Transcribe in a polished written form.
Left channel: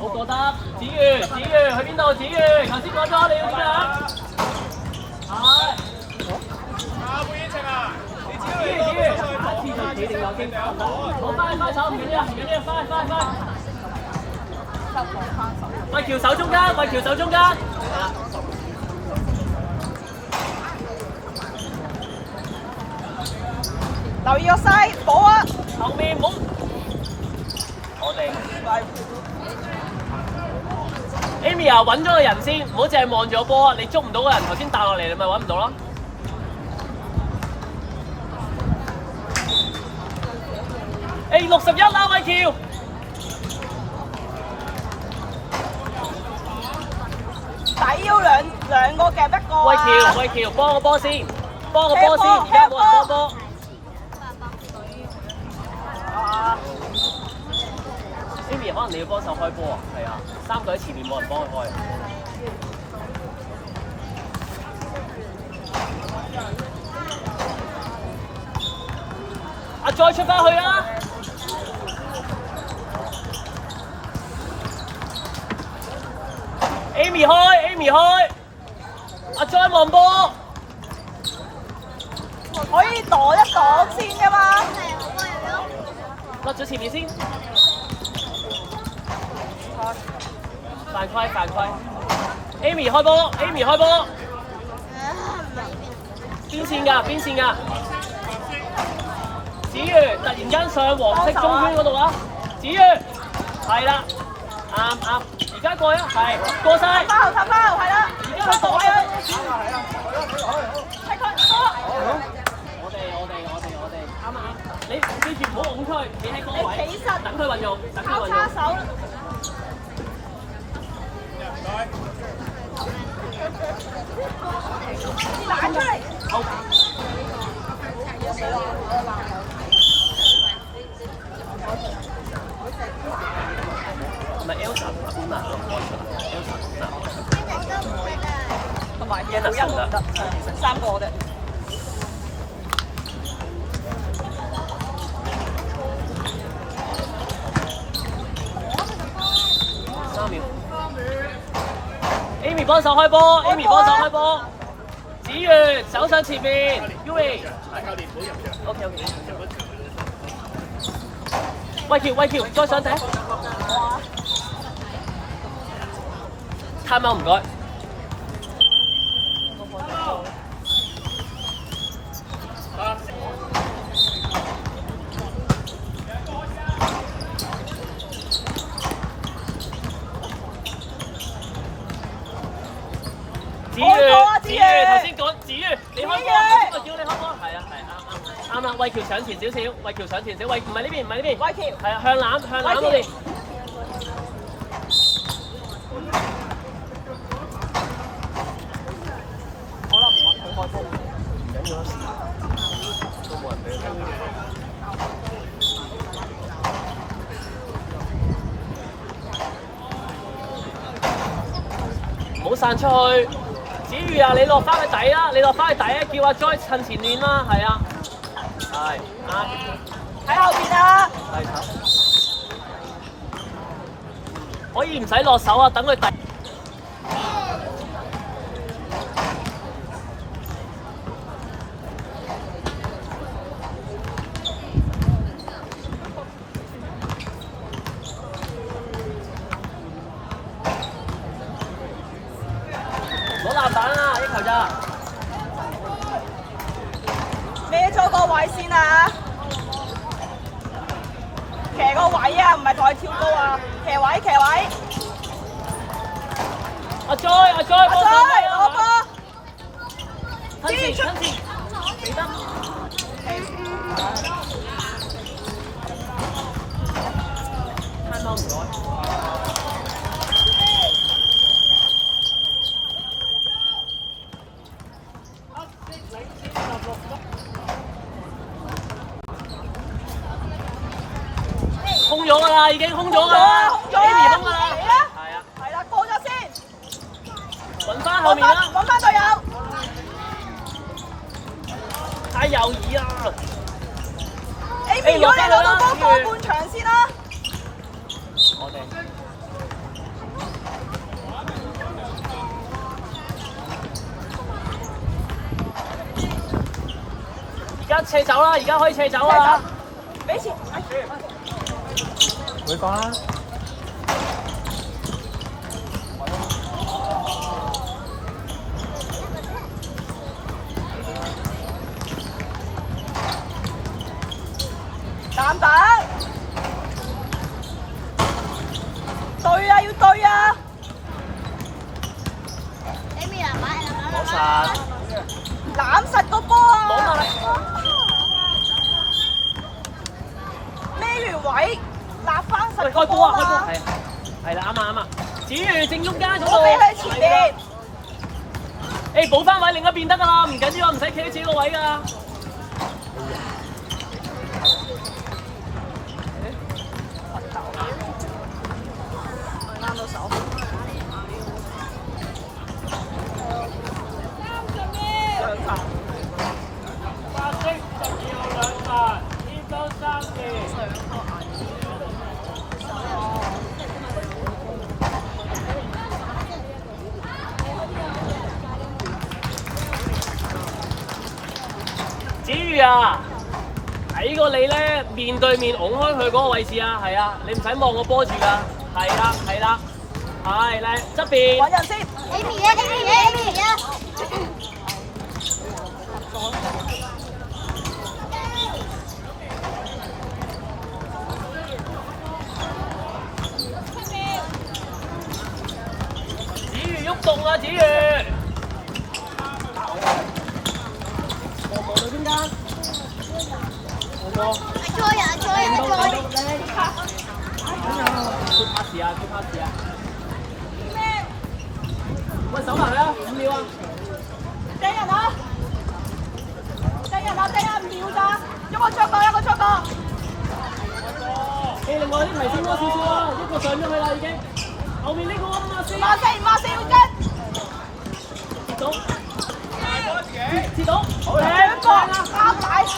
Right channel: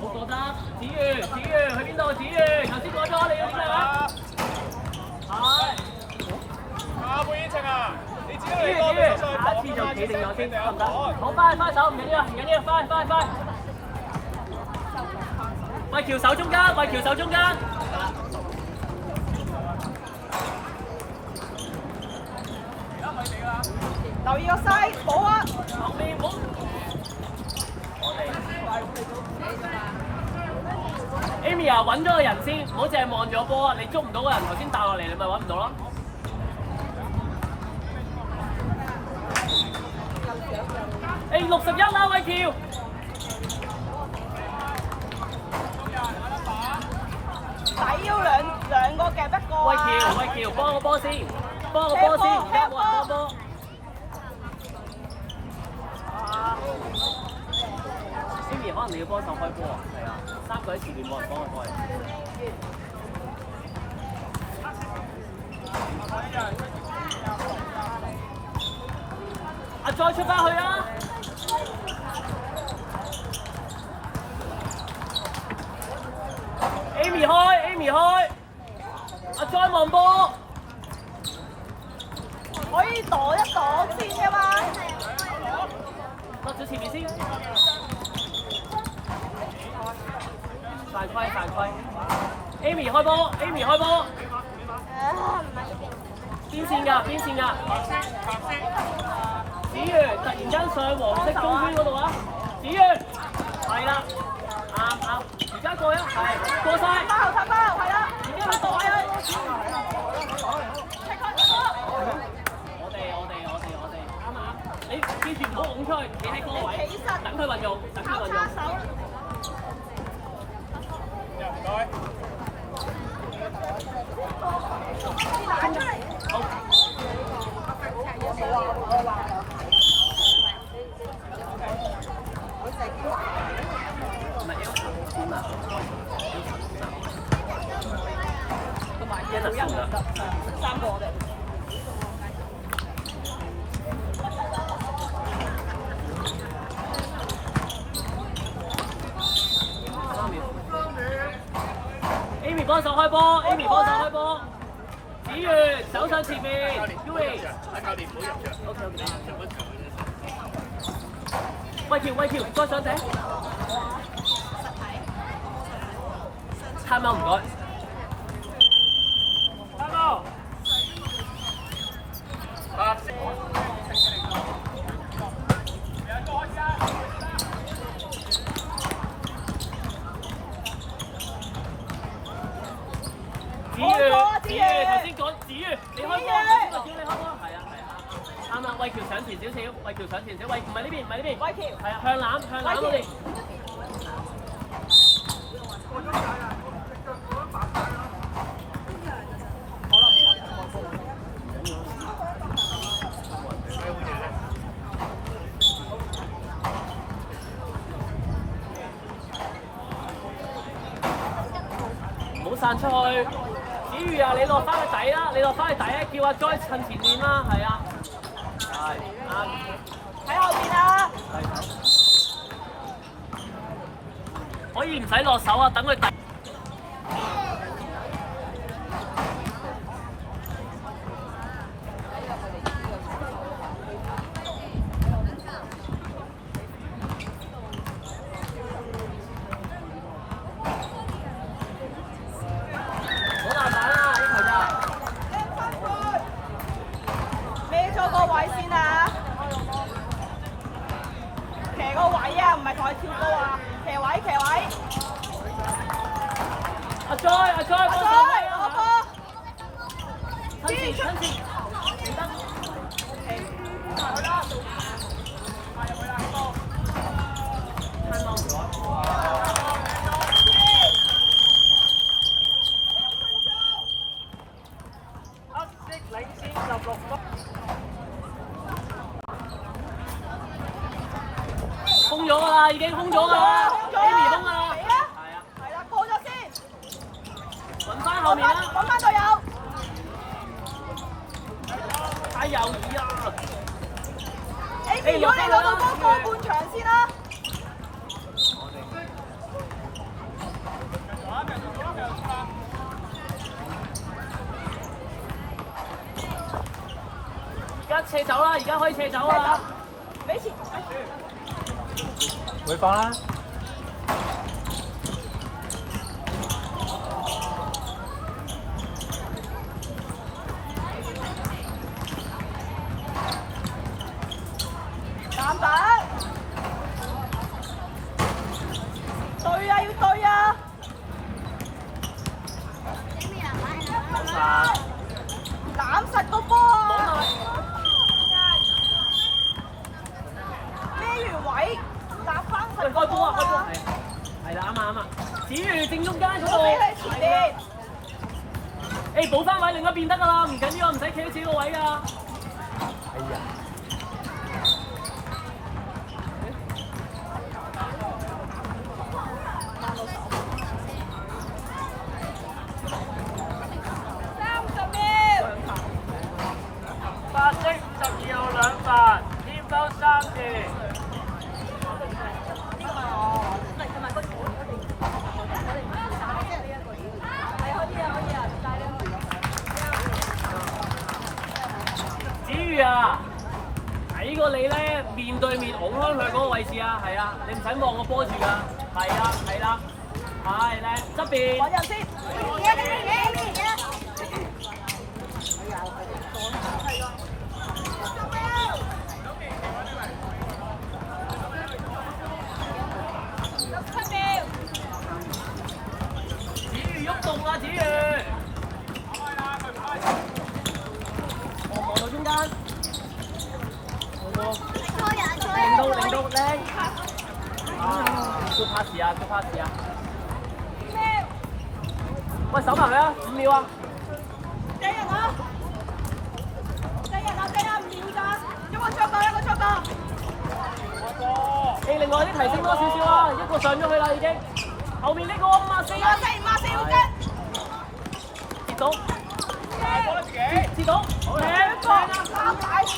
好過得，子瑜去邊度？子瑜頭先講咗你要點樣？係。子瑜，下一次就企定咗先，得唔得？好，翻手，唔緊要，翻。喂，橋手中間，係啦。留意個西保啊！後面唔好。我哋 Amy 啊，揾咗個人先，唔好淨係望住個波啊！你捉唔到個人，頭先打落嚟，你咪揾唔到咯。61啦，偉橋。底要兩個夾一個啊！偉橋，幫個波先，而家冇人幫波。Amy 可能你要幫手開波啊，係啊，3個喺前面冇人幫佢開。再出翻去啊 ！Amy 開，再望波，可以擋一擋先㗎嘛？甩咗前面先。犯規 ！Amy 開波，邊線㗎？子瑜突然間上黃色中圈嗰度啊！子瑜係啦，啱，而家過啊，係過晒。插包，係啦。而家去躲啊！我哋啱，你記住唔好拱出去，企喺嗰個位，等佢運用。好。係咪 Elsa 邊啊？同埋嘢好一唔得，3個啫。3秒。Amy 幫手開波，子瑜走上前面 ，Uwe。教練唔好入場。OK。你入一場嘅啫。偉橋，再上艇。time out唔該。子瑜，頭先講子瑜，你開波，我叫你開波，係啊，啱啦，偉橋上前少少，唔係呢邊，偉橋，係啊，向籃嗰邊。唔好散出去，子瑜啊，你落翻去底啊，叫阿 Joy 趁前練啦，係啊，係啱。喺後邊啊！可以唔使落手啊，等佢突。唔好爛板啊！呢球咋？孭咗個位先啊！騎個位啊，唔係再跳高啊！騎位。阿 Joy 幫手啊！我哥。親前，記得。啱啱唔該。空咗㗎啦，已經空咗㗎啦 ，Amy 空啦，係啦，過咗先，揾翻後面啦，揾翻隊友，太猶豫啦 ，Amy 如果你攞到波過半場先啦，斜走啦，而家可以斜走啦。俾錢。會講啦。蛋蛋。對啊，要對啊。冇實。攬實個波啊！冇嘛。孭條位，立翻實喂，個波開波啊！開波啊！係啦，啱啊啱啊。子瑜正中間嗰度。我俾佢前面。誒補翻位另一邊得㗎啦，唔緊要啊，唔使企喺自己個位㗎啦。子瑜啊，睇過你咧面對面拱開佢嗰個位置啊，係啊，你唔使望個波住㗎，係啦係啦，係靚側邊。揾人先。子瑜喐動啊，子瑜！望到中間，令到靚。good pass 啊 ，good pass 啊！喂，手埋啦，5秒啊！掟人啊！掟人啊！掟人5秒咋？一個出過，一個出過。你另外啲提升多少少啊，一個上咗去啦已經。後面呢個啊嘛，4要跟。跌到，跌到，靚啊！啱解。